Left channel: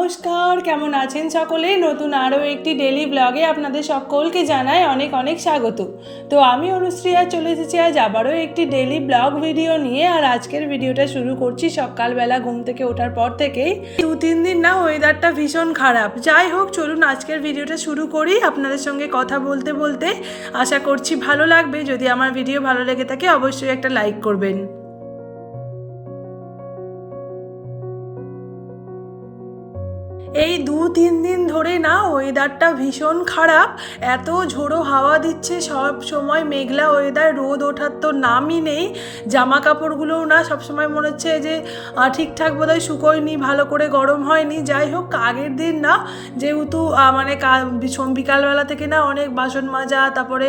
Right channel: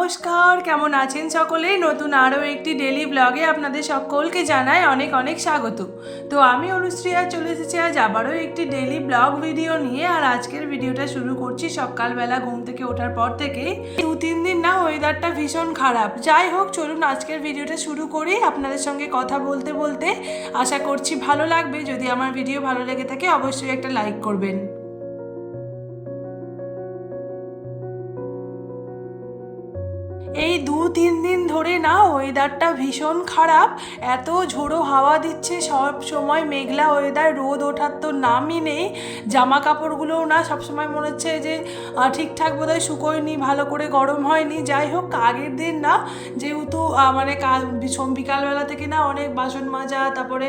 নমস্কার, কেমন আছেন সকলেই? নতুন আরও একটি ডেলি ব্লগে আপনাদের সকলকে জানাই অনেক অনেক স্বাগত। তো আমি অনুশ্রী আর চলে এসেছি আজ আবারও একটি ডেলি ব্লগ ভিডিও নিয়ে। আর আজকের ভিডিওটা শুরু করছি সকালবেলা ঘুম থেকে ওঠার পর থেকেই। 2-3 দিন না ওয়েদারটা ভীষণ খারাপ। যাই হোক, চলুন আজকের ভিডিওটা শুরু করি। আপনাদের সঙ্গে কথা বলতে বলতে আশা করছি ভালো লাগবে। যদি আমার ভিডিও ভালো লেগে থাকে অবশ্যই একটা লাইক করবেন। এই 2-3 দিন ধরে না ওয়েদারটা ভীষণ খারাপ। এত ঝোড়ো হাওয়া দিচ্ছে, সব সময় মেঘলা ওয়েদার, রোদ ওঠার তো নামই নেই। জামা কাপড়গুলোও না সবসময় মনে হচ্ছে যে ঠিকঠাক বোধহয় শুকোয়নি, ভালো করে গরম হয়নি। যাই হোক, আগের দিন না যেহেতু মানে বিকালবেলা থেকে না অনেক বাসন মাজা, তারপরে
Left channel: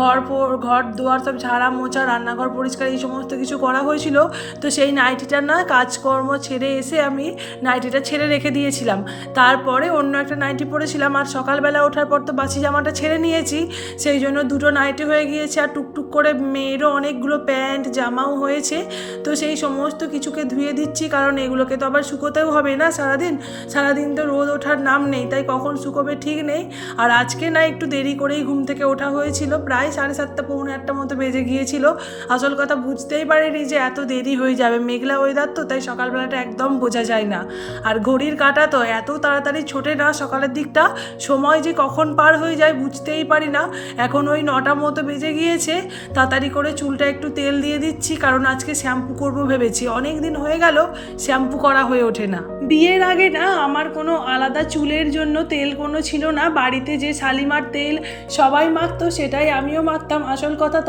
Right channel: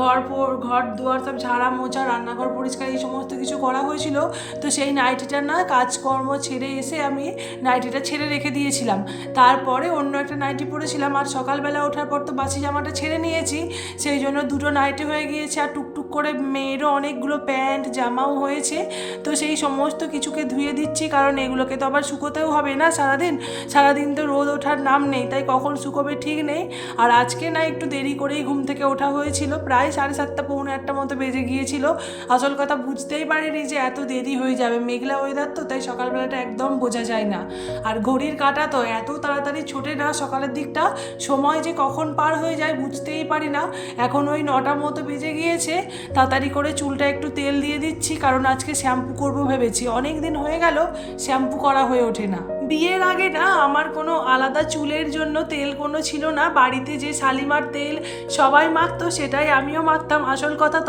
ঘর দুয়ার সব ঝাড়া মোছা, রান্নাঘর পরিষ্কার এই সমস্ত কিছু করা হয়েছিল। তো সেই নাইটিটা না কাজকর্ম ছেড়ে এসে আমি নাইটিটা ছেড়ে রেখে দিয়েছিলাম। তারপরে অন্য একটা নাইটি পরেছিলাম। আর সকালবেলা ওঠার পর তো বাসি জামাটা ছেড়ে নিয়েছি, সেই জন্য দুটো নাইটি হয়ে গিয়েছে। আর টুকটুক করে মেয়েরও অনেকগুলো প্যান্ট জামাও হয়েছে। তো সেই সমস্ত কিছুকে ধুয়ে দিচ্ছি, কারণ এগুলোকে তো আবার শুকোতেও হবে না সারাদিন তো রোদ ওঠার নাম নেই, তাই কখন শুকোবে ঠিক নেই। আর আজকে না একটু দেরি করেই ঘুম থেকে ওঠা হয়েছিল, প্রায় 7:30 পৌনে 8টা মতো বেজে গিয়েছিল। আসল কথা বুঝতেই পারিনি যে এত দেরি হয়ে যাবে, মেঘলা ওয়েদার তো, তাই সকালবেলাটা একদম বোঝা যায় না। আর ঘড়ির কাঁটা তো এত তাড়াতাড়ি ছোটে না, সকালের দিকটা সময় যে কখন পার হয়ে যায় বুঝতেই পারি না। এখন ওই 9টা মতো বেজে গিয়েছে। তাড়াতাড়ি করে চুলটা একটু তেল দিয়ে দিচ্ছি, কারণ আজকে শ্যাম্পু করবো ভেবেছি। অনেক দিন হয়ে গেল শ্যাম্পু করা হয়ে ওঠে না। বিয়ের আগে না আমার কোনো আলাদা চুলের জন্য তেল কোনো ছিল না। বাড়িতে যে শালিমার তেল সবাই মাখতো সেটাই আমিও মাখতাম। আসল কথা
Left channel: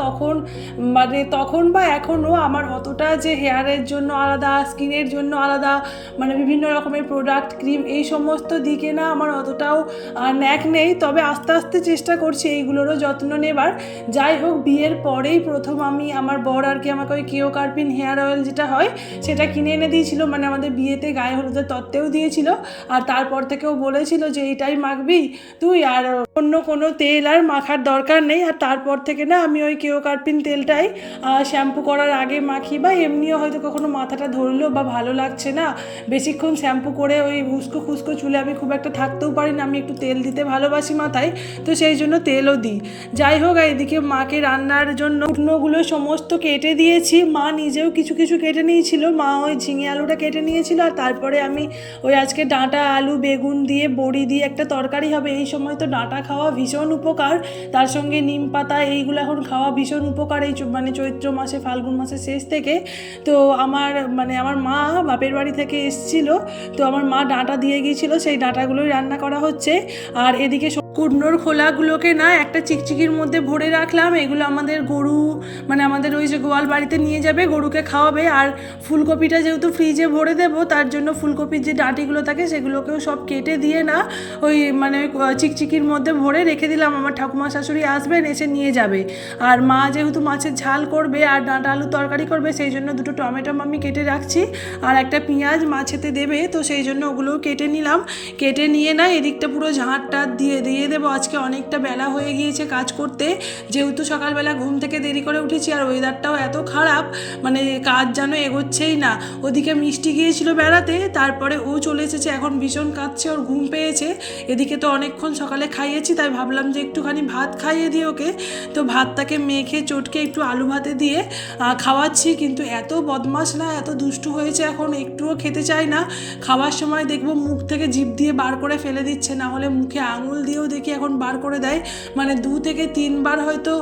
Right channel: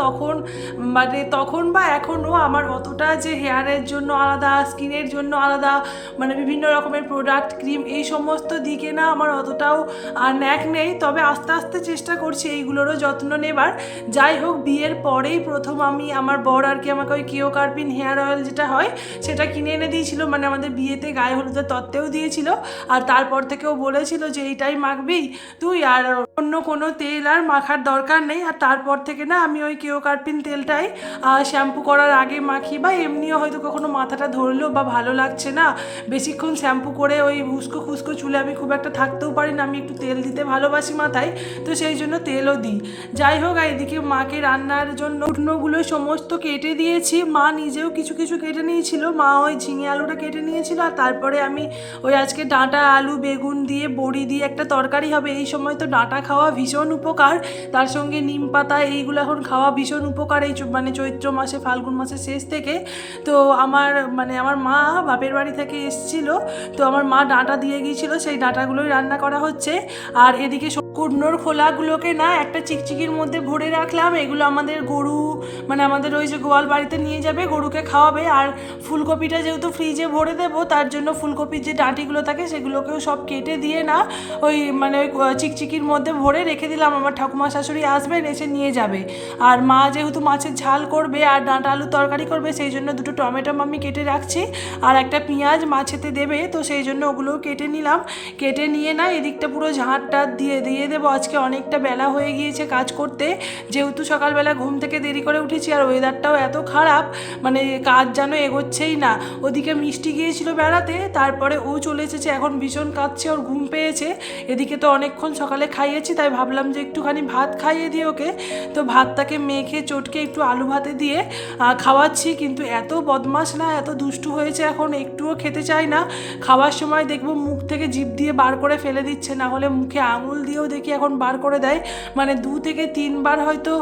তখন বা এখনও আমার অতটা যে হেয়ারের জন্য আলাদা, স্কিনের জন্য আলাদা, মানে বিভিন্ন রকমের প্রোডাক্ট, ক্রিম, এই সমস্ত দিকে না আমার অতটাও ন্যাক নেই। তবে আস্তে আস্তে চেষ্টা করছি এইগুলোরও যত্ন নেবার। যাই হোক, বিয়ের পরেই প্রথম আমার বর আর কি আমাকে ওই কিও কার্পিন হেয়ার অয়েল যেটা হয় সেটা কিনে এনে দিয়েছিল। মানে আমাদের বিয়েতে গায়ে হলুদের তত্ত্বেও দিয়েছিল। আর তারপর থেকেও বলেছিল যে এইটাই মাখবি তুই, আর অন্য কোনো তেল আর মাখার দরকার নেই। আর তারপর থেকে না আমি ওই কিও কার্পিন তেলটাই শ্যাম্পু করার আগে মাখি, বা এমনিও হয়তো কখনো মাথাটা ধরলো বা ভালো লাগছে না, বেশিক্ষণ শ্যাম্পু করে ওই উস্কো খুস্কো চুলে আমি খুব একটা থাকতেও পারি না, আমি একটু তেল দিতে ভালোবাসি মাথায়, তো সেই জন্য তেলও দিই। যাই হোক, এদিকে মাকে রান্নার জন্য শুকনোগুলো সমস্ত কেটে দিয়েছি। মা নিজেও কিছু কিছু কেটে নিয়েছিল, মা ওই ঝিঙে আলুটা কেটে নিয়েছিল। আর তারপরে আমি ওই আজকে ডাঁটা, আলু, বেগুন দিয়ে বড়ি দিয়ে একটা তরকারি হবে। এই সময় তো ডাঁটা খাওয়া ভীষণ উপকার, তার সঙ্গে নিম পাতা, এইগুলো এখন খাওয়া ভীষণ উপকার এই মানে চৈত্র মাসে, ফাল্গুন মাসের শেষ থেকে। তো আমার মা বাপের বাড়ি থেকে এসেছিল, তো আমার মা ডাঁটা দিয়ে গিয়েছিল, সেই ডাঁটাগুলোই রান্না করা হচ্ছে। আর এদিকে কুটনোর খোলাগুলোকে না একটা চিকচিকির মধ্যে ভরে রাখলাম। এগুলো আমাদের গরু, মানে আমাদের ওই যে গোয়াল বাড়িতে নিয়ে যাবে, গরুকে খাওয়াবে। আর ফুলকপিটা যেহেতু ফ্রিজে ভরে দেবো, তার জন্য ফুলকপির যে ডাঁটিগুলো থাকে সেগুলোকেও সব কেটে দিয়ে না ওই চিকচিকির মধ্যে ভরে রেখে দিলাম। আমার ঠাকুমা শাশুড়ি আসবেন, এসে নিয়ে যাবে। আর মা যেহেতু মাছের ঝাল করবে আর ডাঁটা আলু তরকারি করবে, সেই জন্য দুটো টমেটো আমি কেটে রাখছি, আর একটা পেঁয়াজ মাছেতে দেবে, তো সেই জন্য ওগুলোও কেটে নিলাম। কেটে নিয়ে না এদিকটা পুরো ঝাঁটটা দিয়ে দেবো। আজকে অনেকটা বেলা হয়ে গিয়েছে কাজ করতে, যেহেতু সকালবেলা ঘুম থেকে দেরি করে উঠেছি। আর ওয়েদারটাও এত খারাপ, মানে কাজ যেন এগোচ্ছেই না। ওদিকে মিষ্টি গিয়েছিল বেড়াতে, তারপরে ও চলে এসেছে, এখন ভীষণ কাঁদছে, ওর ঘুম পেয়েছে। এদিকে তো অনেকক্ষণ সকালে খাইয়েছি, তাই ভাবলাম যে একটুখানি ভাত খাইয়ে দিই ওকে। তো ভাতটাকে মেখে চটকে একটু আলু ভাতে দিয়ে খাওয়াচ্ছি। কিন্তু এত বদমাশ না, এত দুষ্টু হয়েছে, এখন একটুও খেতে চায় না। খাওয়ার সময় দেখবো মুখ থেকে জিভ দিয়ে বার করে ফেলে দিচ্ছে, না হলে মুখে আঙুল দিয়েও দেখি এখন বার করে দেয়। মানে 2 থেকে 3 বার হয়তো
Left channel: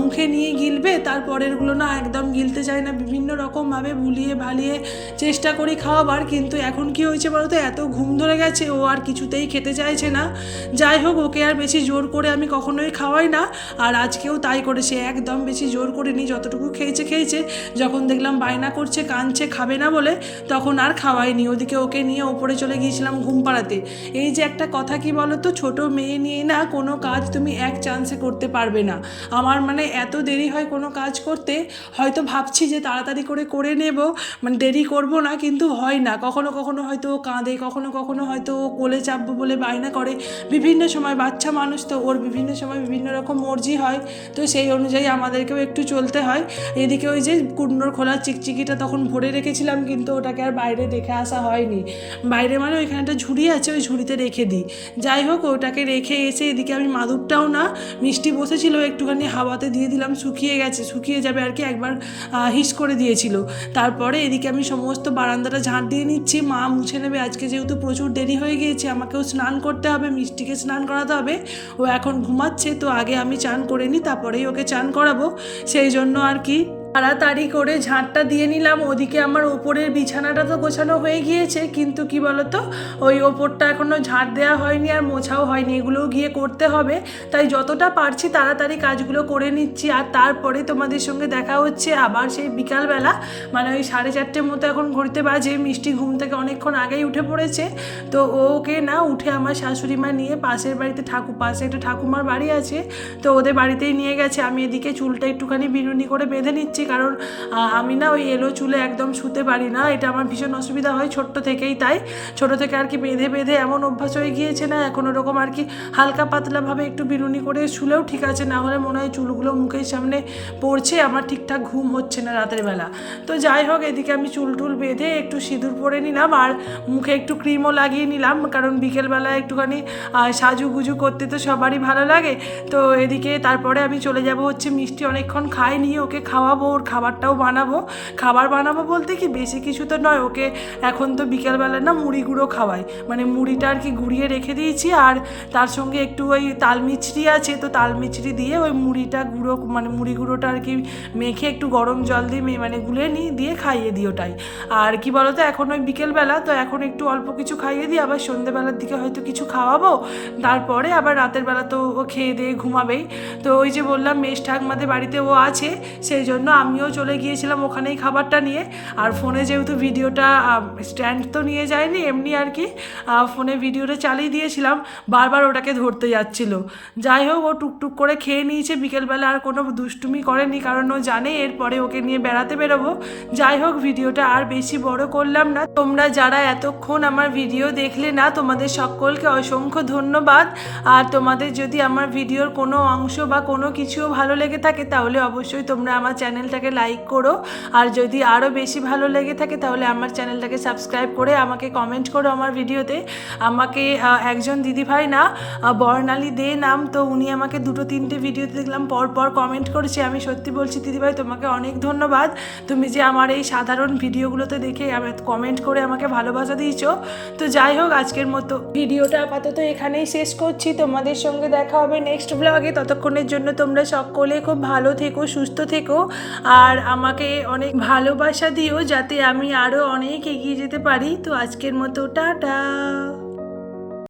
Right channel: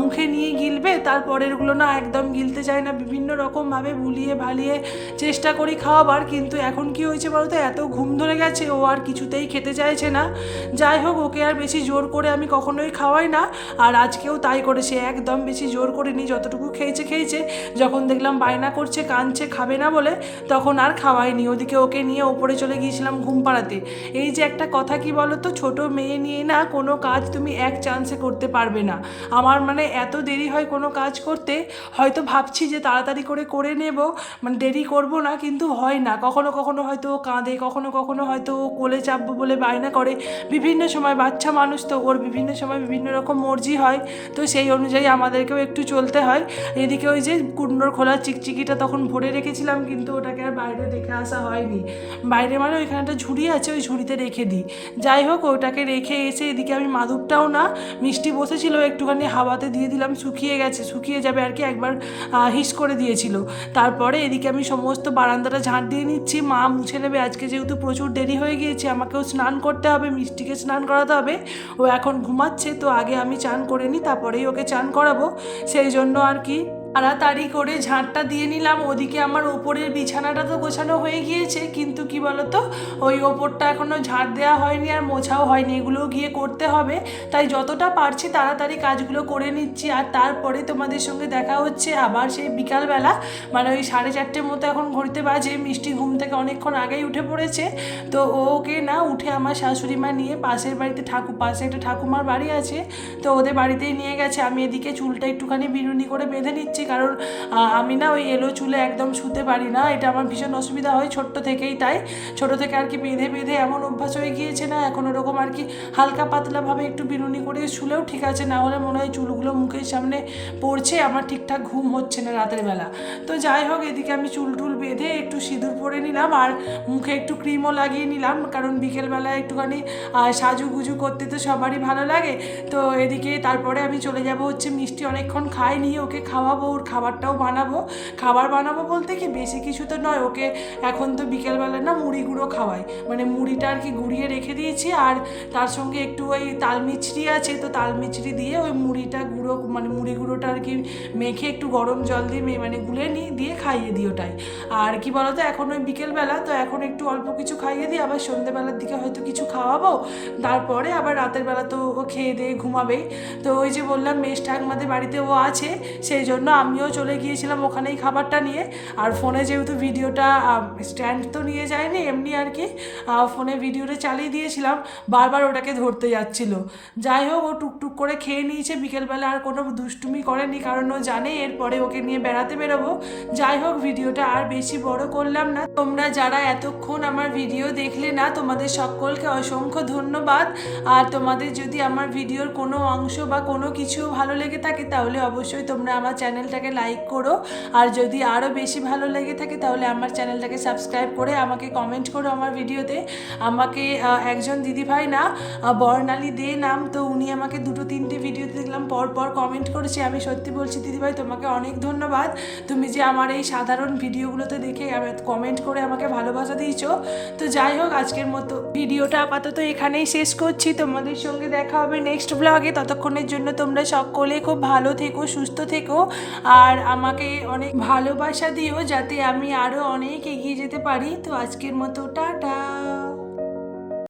মুখে নিয়ে গিলবে, তারপরেরগুলো না একদম গিলতে চায় না। বিভিন্ন রকমভাবে ভুলিয়ে ভালিয়ে চেষ্টা করি খাওয়াবার, কিন্তু এখন কি হয়েছে বলো তো, এত ঘুম ধরে গেছে, ও আর কিছুতেই খেতে চাইছে না। যাই হোক, ওকে আর বেশি জোর করে আমি কখনোই খাওয়াই না, আর আজকেও তাই করেছে, একদম বেশি জোর করিনি। যতটুকু খেয়েছে, যখন দেখলাম বায়না করছে, কাঁদছে, খাবে না বলে, তখন আর খাওয়াইনি। ওদিকে ওকে নিয়ে ওপরে চলে গিয়েছিলাম ঘুম পাড়াতে। এই যে একটা কথা কি বলো তো, ছোটো মেয়ে নিয়ে না কোনো কাজ তুমি এক চান্সে করতে পারবে না। আমার মানে এত দেরি হয় কোনো কাজ করতে, হয়তো ভাবছি যে তাড়াতাড়ি করে নেব, মানে দেরি করব না, কিন্তু হয় না। কখনো কখনো হয়তো ও কাঁদে, কখনো কখনো হয়তো ও কোলে চাপবো বলে বায়না করে। বিভিন্ন সময় বাচ্চা মানুষ তো, ওর বিভিন্ন সময় বিভিন্ন রকম মর্জি হয়, তো সেই অনুযায়ী আমাদেরকেও একটু চলতে হয়। এদিকে ওই যে কুন্ডোর খোলা চিকচিকিটা তখন ভরে রেখেছিলাম, কিন্তু ওটাকে আর বাইরে রেখে আসা হয়নি। বাইরে মানে ওইখানে একটা ঝুড়ি আছে, ওই ঝুড়িতে রেখে দিই। যাই হোক, ওটাকে রেখে এসে এদিকে আমি মাদুরটাও না, মিষ্টি বসেছিল একটুখানি হাওয়াতে দিয়ে দিলাম, শুকিয়ে গেছে, শুকিয়ে যাবে আর কি, একবার হিস করে দিয়েছিল। তারপরে এদিকে আমি সমস্ত বারান্দাটা ঝাঁট দিয়ে নিচ্ছি, মা মুছে নেবে। আজকে যেহেতু প্রচুর দেরি হয়ে গিয়েছে, আমাকেও স্নান করতে হবে, মিষ্টিকে স্নান করাতে হবে। ও এখন ঘুমাচ্ছে, তো আগে আমি চান করে নিই, তারপরেই ওকে চান করাবো, সেই জন্য আর কি তাড়াতাড়ি করে ঝাঁটটা দিয়ে নিলাম। ওদিকে আমার ওপরের বিছানাটা তো গোছানো হয়ে গিয়েছে, কিন্তু কি বলতো, ওই ওপরটা এখনও ঝাঁট দেওয়া হয়নি আর মোছাও হয়নি, এগুলোও গিয়ে করতে হবে। তাই যতটা পারছি তাড়াতাড়ি কাজগুলো করে নিচ্ছি। আর তারপরে তোমাদের সঙ্গে দেখা হচ্ছে আবার সেই বিকালবেলা, মানে ওই 4:30 মতো এখন ঘড়িতে বাজে। মিষ্টি ঘুম থেকে অনেকক্ষণ আগেই উঠে পড়েছে, তো ওকে না উঠে আমার শাশুড়ি মা নিয়ে পাশের বাড়িতে পাশে একটা ঠাকুমার বাড়ি আছে, তো ওদের বাড়িতেই নিয়ে গেছে। আমি এদিকে চুলটা একটুখানি বিনুনি করে বেঁধে নিচ্ছি, কারণ আমি না ওই এলো চুলে একদম শুতে পারি না, এটা আমার ভীষণ অসুবিধা হয় ছোট্ট থেকেই। তাই ছোট থেকে আর কি বেঁধে বেঁধে এমন অভ্যাস হয়ে গিয়েছে না, এখন ওরকম আর কি হালকা পাতলাভাবে একটু বিনুনি করে শুলেও ঠিক আছে, না হলে মনে হয় চুলগুলো মুখের সামনে পড়ছে, আমার ঠিকঠাক ঘুম হচ্ছে না রাতের বেলা। তো যাই হোক, এদিকে আমি চুল টুল বেঁধে একটু সিঁদুর পরে নিলাম, আর মুখে একটু ক্রিমও লাগিয়ে নিলাম, কারণ বিকেলবেলা একটুখানি সাজুগুজু করতে তো সবারই ভালো লাগে। তো এদিকে তারপরে আমি চলে যাব হচ্ছে, মিষ্টি অনেকক্ষণ খায়নি, ওকে খাওয়াবো, ওর খাবারটাও বানাবো। খাবার বানাবো বলতে কি বেশি কিছু তো নয়, ওকে এখন তো বিকেলবেলা না মুড়ি গুঁড়ো খাওয়াই, মানে মুড়িটা আর কি গুঁড়িয়ে রেখে দিয়েছি, আর তার সঙ্গে একটু ওই তাল মিছরি আছে, তো তাল মিছরি দিয়ে ওই মুড়িটা গুঁড়ো, মানে মুড়ি গুঁড়োটা আর কি মেখে একটু গরম জল দিয়ে মানে গুলে নিই, দিয়ে খাইয়ে দিই ওটাই। আর কি বলতো, এখন ওই বিকেলবেলা তো এখন একটু অল্প কিছু খাইয়ে দিই, আবার সন্ধ্যেবেলার দিকে হয়তো কিছু খাওয়াবো, তারপরে আবার রাতের বেলা তো ও খেয়ে দিয়ে ঘুমাবেই। তো ওই যে বললাম মেশ ঠাকমাদের বাড়িতে ও আছে, সেই জন্য আমিও চলে গিয়েছিলাম ওখানেই খাবারটা নিয়ে। আর ফোনে যেহেতু ভিডিওটা স্ট্যান্ড তো নিয়ে যায়নি, এমনি আর কি ফোনে ভিডিওটা চালিয়ে দিয়েছিলাম, বারবার ওটাকে ধরতে যাচ্ছিল। যাই হোক, ও টুকটুক করে খেয়ে নিয়েছে, বিকেলবেলা আর কোনো দুষ্টুমি করেনি, কারণ ও জানে এরপরে ওকে নিয়ে বেড়াতে বেরোবো। যাই হোক, ভিডিওটা আর বেশি বড় করলাম না। তোমরা যারা এতক্ষণ আমার ভিডিও দেখলে না, তোমাদের সকলকে অসংখ্য ধন্যবাদ। আর তোমাদের যদি আমার ভিডিওর কোনো অংশ বা কোনো কিছুও ভালো লেগে থাকে, তাহলে অবশ্যই তোমরা আমার চ্যানেলটাকে লাইক করো, আর যদি আরও বেশি ভালো লেগে থাকে তাহলে আমার চ্যানেলটাকে সাবস্ক্রাইব করে আমাকে কমেন্ট করো আমার ভিডিওতে। আমাকে একজন দিদিভাই না, বর্ণালী দে নাম, তো উনি আমাকে 2-3টে ভিডিওতে দেখলাম পর কমেন্ট করেছে। আমি সত্যি বলছি দিদিভাই, তোমাকে অনেক ধন্যবাদ, তুমি যে আমার এই সাধারণ ভিডিওগুলোতে দেখে কমেন্ট করে আমাকে ভালোবাসা দিয়েছো। তো যাই হোক, আজকের মতো ভিডিওটা আপাতত এখানেই শেষ করছি, তোমাদের সঙ্গে দেখা হবে নেক্সট ব্লগে। ততক্ষণের জন্য তোমরা সকলে খুব ভালো থেকো, সুস্থ থেকো, আর আমাকে অনেক ভালোবাসা দিও, যাতে আমি আরও অনেক এগিয়ে যেতে পারি। তো আজকের মতো টাটা।